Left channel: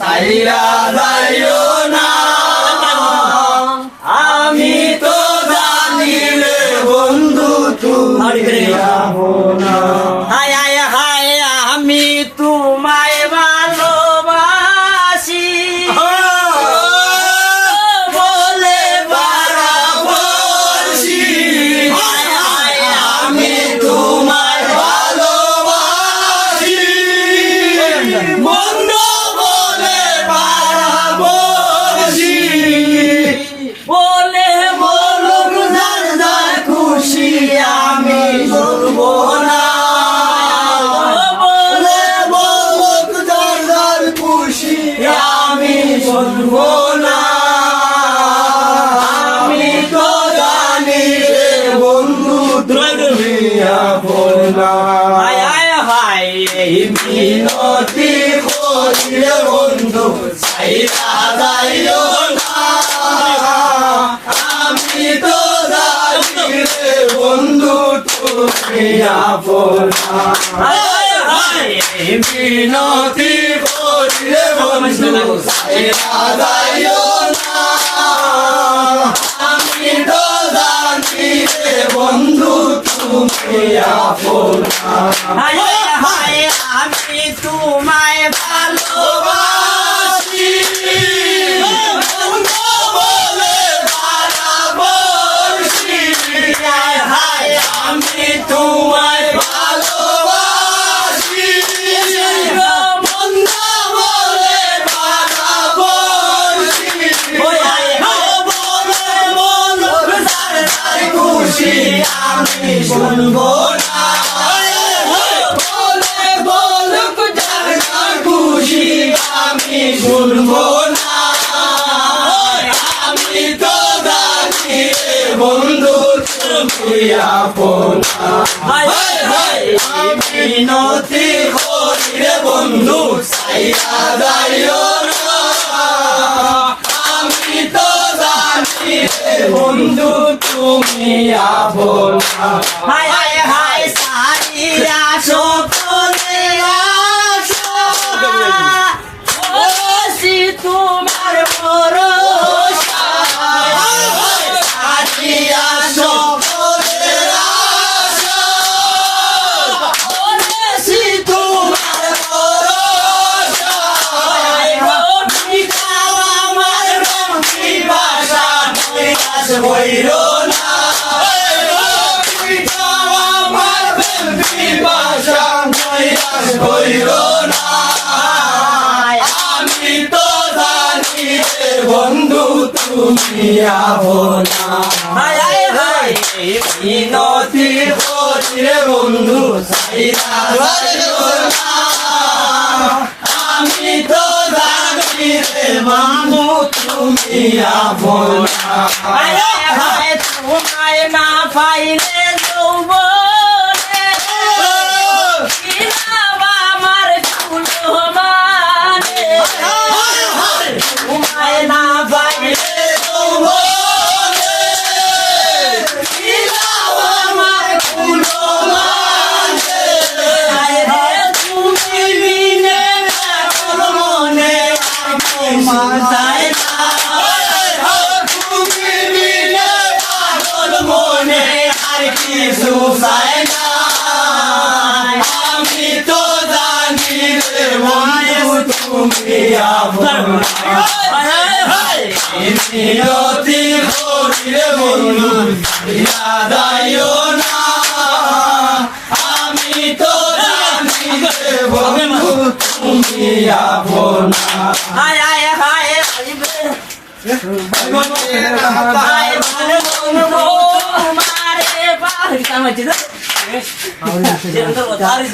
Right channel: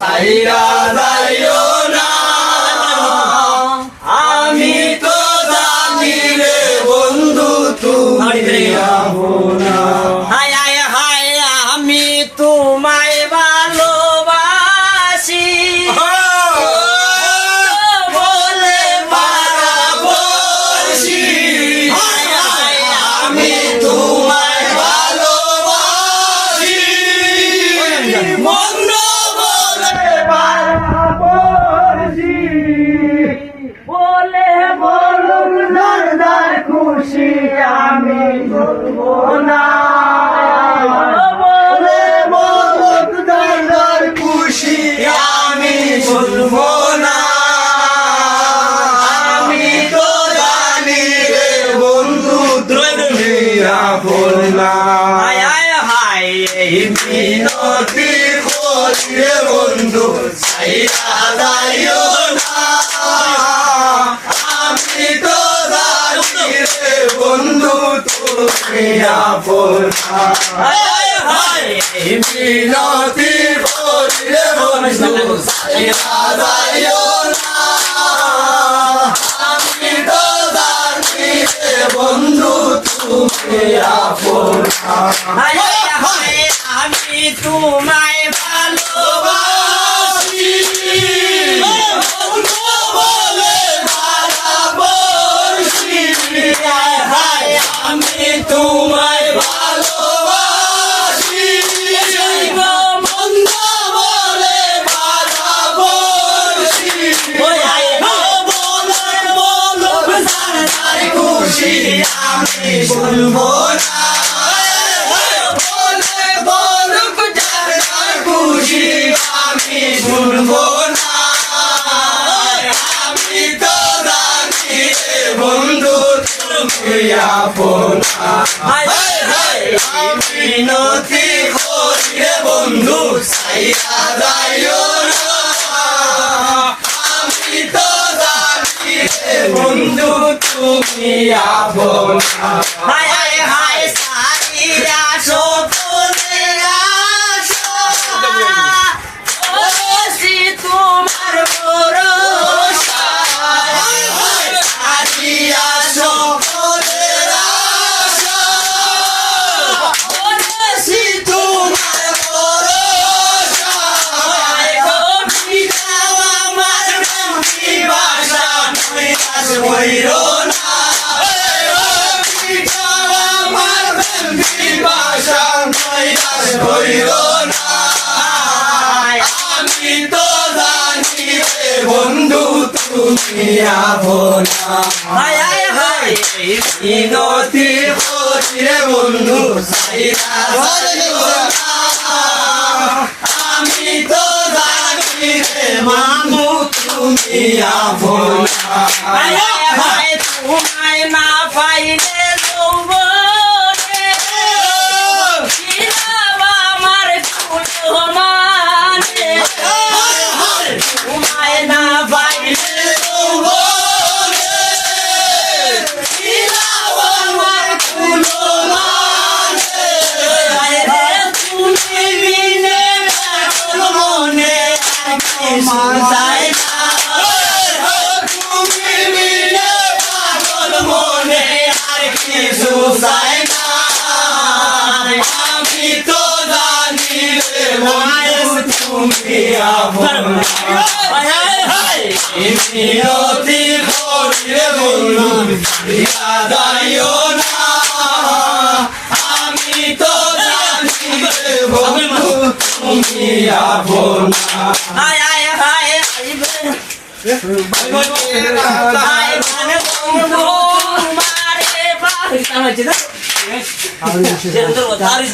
সাইরা যাইও না, আমি তো জানি রে বন্ধু তুমি আপনা। হায় হায় হায় আমি তোমায় ভালোবাসি বলে বারাবাসি, হায় হায় আমি তোমায় ভালোবাসি, মন্দ বলে বারাবাসি, বলে বলুক যার যার খুশি আমি শুনবো না, বলে বলুক যার যার খুশি আমি শুনবো না। আমি তো জানি রে বন্ধু তুমি আপন না। হায় হায় হায় এই মিনতি করি রে বন্ধু সাইরা যাইও না, আমি তো জানি রে বন্ধু তুমি আপন না। হায় হায় এই মিনতি করি রে বন্ধু সাইরা যাইও না, আমি তো জানি রে বন্ধু তুমি আপন না। হায় হায় আমি তোমায় ভালোবাসি বলে বারাবাসি, হায় হায় আমি তোমায় ভালোবাসি, মন্দ বলে বারাবাসি, বলে বলুক যার যার খুশি আমি শুনবো না, বলে বলুক যার যার খুশি আমি শুনবো না। আমি তো জানি রে বন্ধু তুমি আপন না। আমি নথি করি রে বন্ধু সাইরা যাইও না, আমি তো জানি রে বন্ধু তুমি আপন না। হায় হায় হায় সারিয়া সকলে আশা ওসি তোমার ভরসা সারিয়া সকলের আশা, ওসি তোমার ভরসা, আমার বন্ধি ভাষা নৈরাশ হইরো না, আমার বন্ধি ভাষা নৈরাশ হইরো না। আমি তো জানি রে বন্ধু তুমি আপন না। হায় হায় হায় মিনতি করি রে বন্ধু সাইরা যাইও না, আমি তো জানি রে বন্ধু তুমি আপন না। হায় হায় হায় তোমায় না পাইলে যৌবনে কিনাবা আমার ফুল মানে তোমায় না পাইলে যৌবনে ছিলাম আমার ফুলবানে, তুমি বিনে এখন মনে মাথায় না, তুমি বিনে পাগল মনে আর কিছু চাই না। আমি তো জানি রে বন্ধু তুমি আপন না। মিনতি করি রে বন্ধু সাইরা যাইও না, আমি তো জানি রে বন্ধু তুমি আপন না। হায় হায় হায় মারে